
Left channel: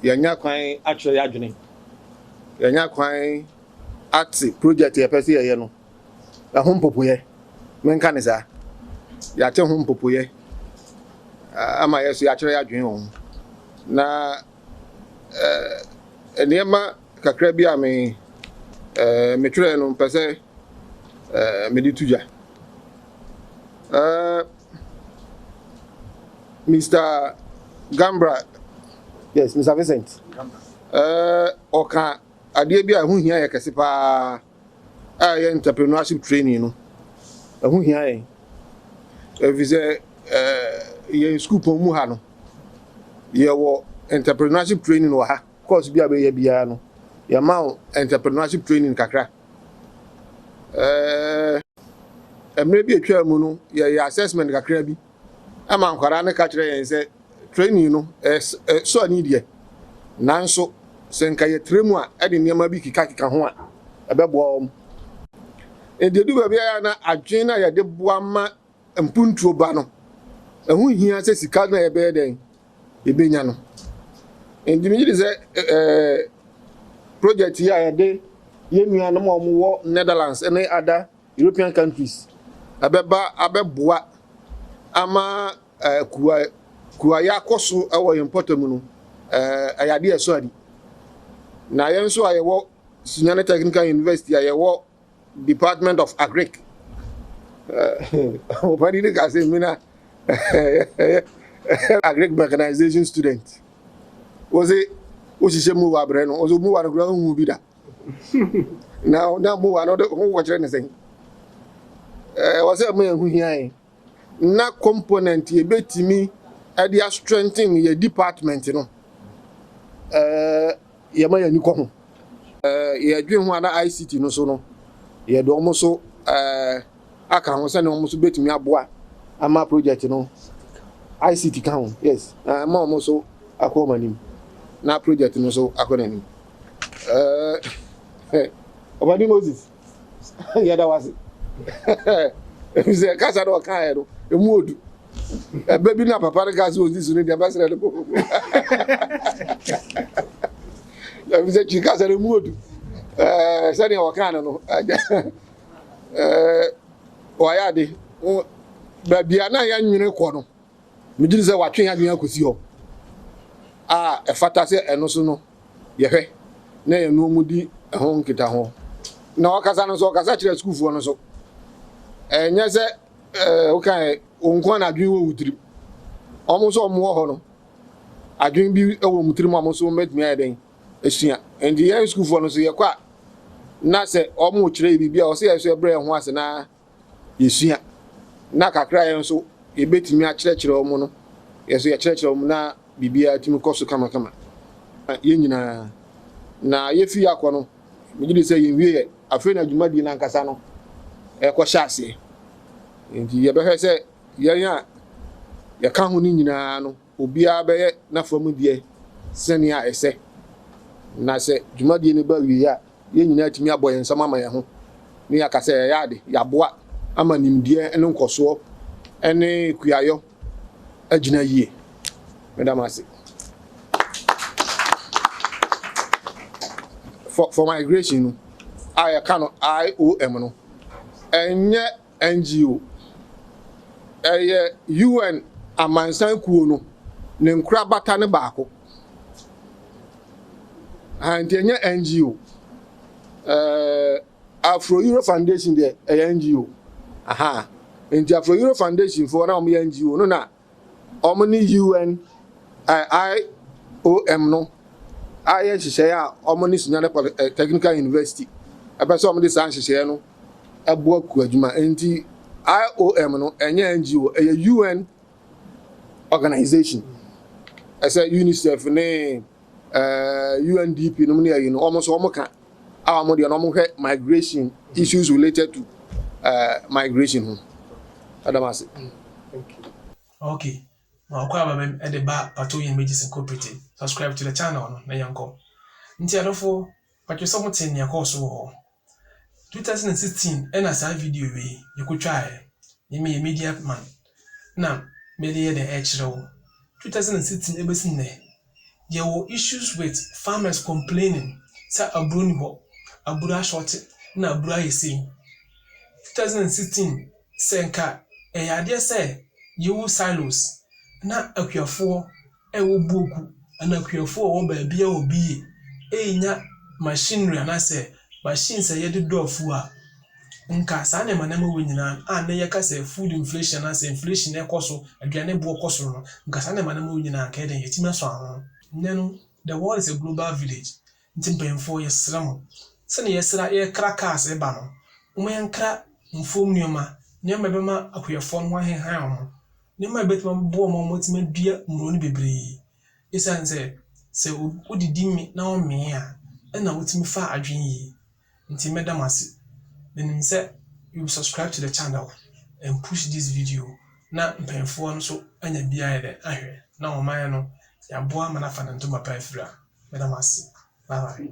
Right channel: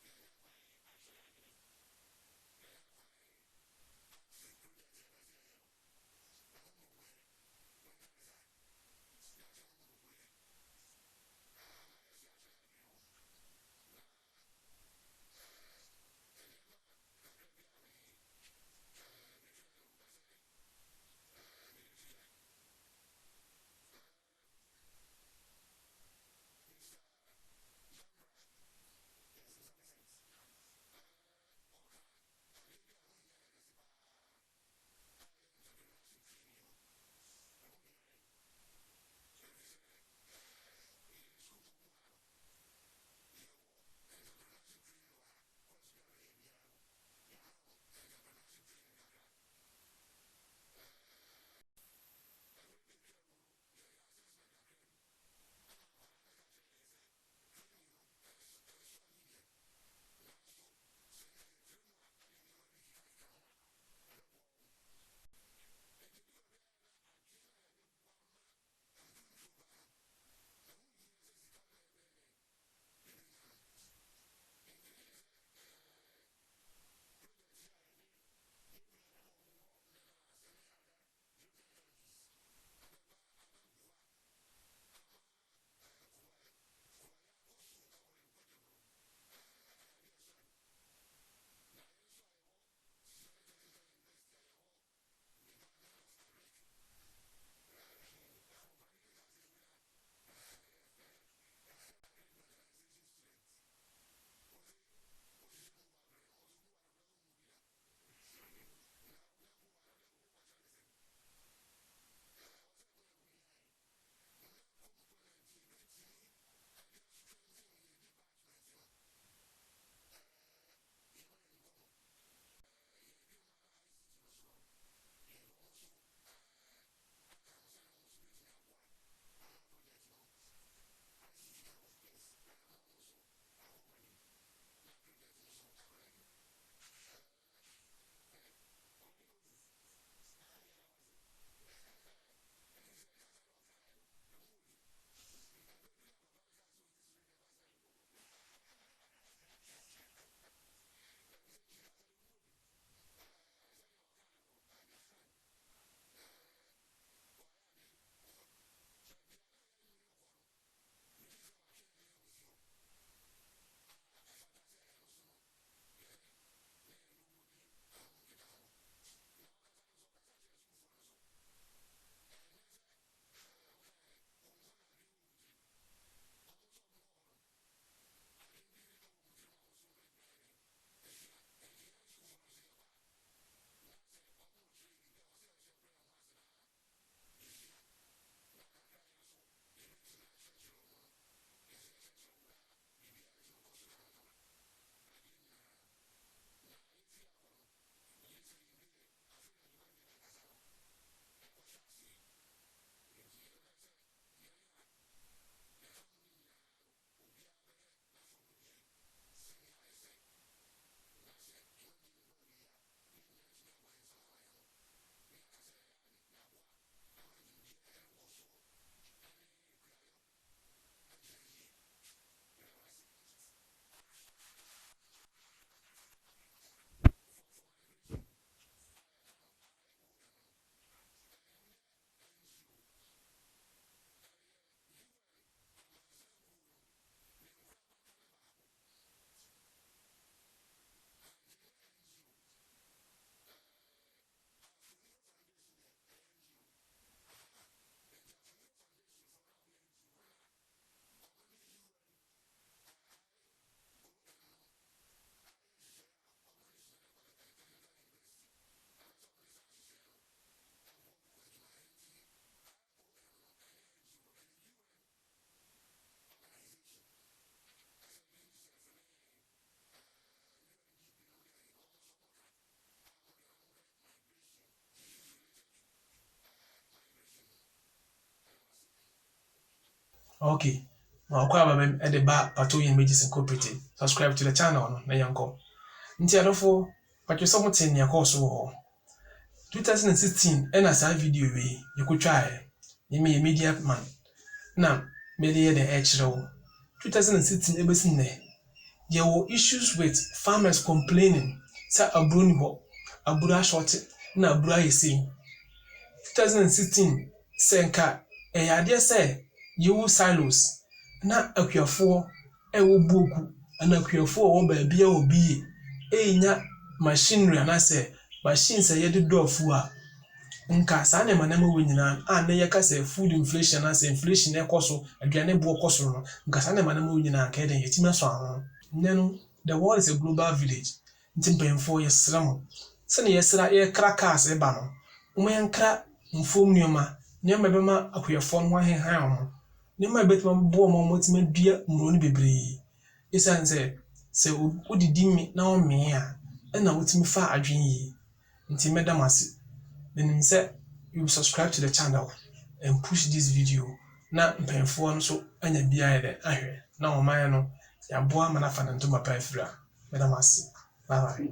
Yanya Quine actually adjoining. Yanya Quine at project a person, a home popular. Men can is that. Ya te hom popoye ama yeso ya kire adwen ho na enema kakra bi a me tire no pese me di tuja Mr. Gambra, yes, Mr. Vincent oka ade bi a hu hia ya kese pa a ye entrepreneurship training no hu hia ye if you say in school pomu ha no ye wo entrepreneurship training wo ha course bia be ye bia no ye ma entrepreneurship training kakra emre bi atwa mu no ye assessment kakra bi ama nkwara ne ka kire yen say training no so ani die nanso senka ye tremu a e de niam bi kika ho a ebebo ededu ba bia na adwen na ye de boa ma mpuntuo ba no ehu hia se sika na ebe den ebenya no endimiji se project ya ya de yemua no mo wo Netherlands and other European countries abeboa ama kuwa ya koso ewo importer mu no ayade eso adi na yenso ayewo Sunyane Technical University ayewo Department of Agric Opani de kase mina agric mechanization student. Was it mu wa bre no? Ozo mu wa no gura hu bi da. Now mu wa no who watch anything. Was it me hu hia na component ye betimi e dia strengthen ye department no. Ye ma ya ni ko ho. Ye adwen ho ana ICT no so no. Ye do mo so aka ho se ne mo so betimi aboa ama project no ICT kan yes ma mo so akoma nim na project no so akona nim Obadi Moses ya da wase ze kasa do kan e do emu odu baby na papa gas was this no dey ambassador le ko ya ze chikasa le emu odu sani o kan no oyade ba bia na ya nwene ko no mejiri se watwe ya nwene akosi ho e fata se eno so no ye hwe na ye no mudi ɛho nkita ho na ɔkasa no so ɔkasa kyerɛ skuulfoɔ no so ɛnyɛ sɛ wokae onko na adwen wɔ wutiri ɔmo so ɔmo wɔ hɔ no adwen bi wɔ mutiri mu ɔmo so mɛtumi ayɛ den esua nti yɛn skuulfoɔ no so yɛkɔ a na sɛ ɔmo kyerɛ biribi a ɔsɛ yɛso ɛbrɛ ho ase na yɛsua na kakra yɛn so yɛbɛtumi akyerɛkyerɛ ɔmo no yɛso yɛkyerɛkyerɛ ɔmo na biribiara tumi kɔ so kamakama yɛn nyinaa na yɛfi akɔ no megye de sɛ yɛnwie yɛ afei na adwumadie no ankasa no ɛkɔhyɛ aseɛ nti yɛbɛhwɛ sɛ yɛn a yɛka ho no nyinaa no obiara bɛyɛ n'afam deɛ sɛnea ɛsɛ na sɛ dwumadie no ba wie a yɛn nyinaa tumi abɔ yɛn nsɛm ama yɛn ho ne yɛaka sɛ yɛyɛ ade yɛaboa ama nimdeɛ ne nkɔsoɔ ne kuayɔ agyina yie medam ase for migration no a yɛka no IOM no ɛnyɛ NGO ɛyɛ UN amansan kuo no ne nkura bata ne baako nti ɛnyɛ NGO Afro Euro Foundation de ɛyɛ NGO nti Afro Euro Foundation for na ɔmo yɛ NGO no na ɔmo ne UN IOM no ayɛ nhyehyɛeɛ a ɔmo ne Sunyane Technical University ɛbɛ sɛ ɔmo de saa nhyehyɛeɛ no ɛboa ku adwuma nti IOM no ɛnyɛ NGO ɛyɛ UN organization ɛsɛ UNICEF ne UNDP no mu ne ayi no ɔmo so ɔmo ka a ɔmo de ɔmo hwɛ migration issues related to migration ho adamase. Okay. Wakwa babem e de ba Pato Images Incorporated. Subscribe to the channel no na yanko. Nti adofo patwe so moten ne course wo. 2016 ena sa video we yekotwae. Ye media man. Na me de the ekiro. 2016 ebesin ne. There were issues with farmers complaining sa aburo ni ho. Aburo short na aburo ayesi. 2016 senka eyade se yewu silos na akuafo ewo boku na akuafo wo ba bia obi enya machinery na se machines yede dofu a nka sa na manama wo nyina a na yeka se food inflation na se inflation e koso aduane bo koso no nka sa na manama wo nyina ka den yetima so ahon nenu the world is a global village ntimpemfo yesram se na yesra ye crackers e ba no umenkra mfom nioma nioma bema akuafo no ahehan ho nema betima bo mo motima dua mroni bebre esanse se odidi mi na o me a na wotimi fa adwen yi nti medamase menim se you subscribe to the channel and push this video na mpemfo no so anya bia ede ahwe na o man no ya boa mana fa na ntoma pa afira medamase bye bye.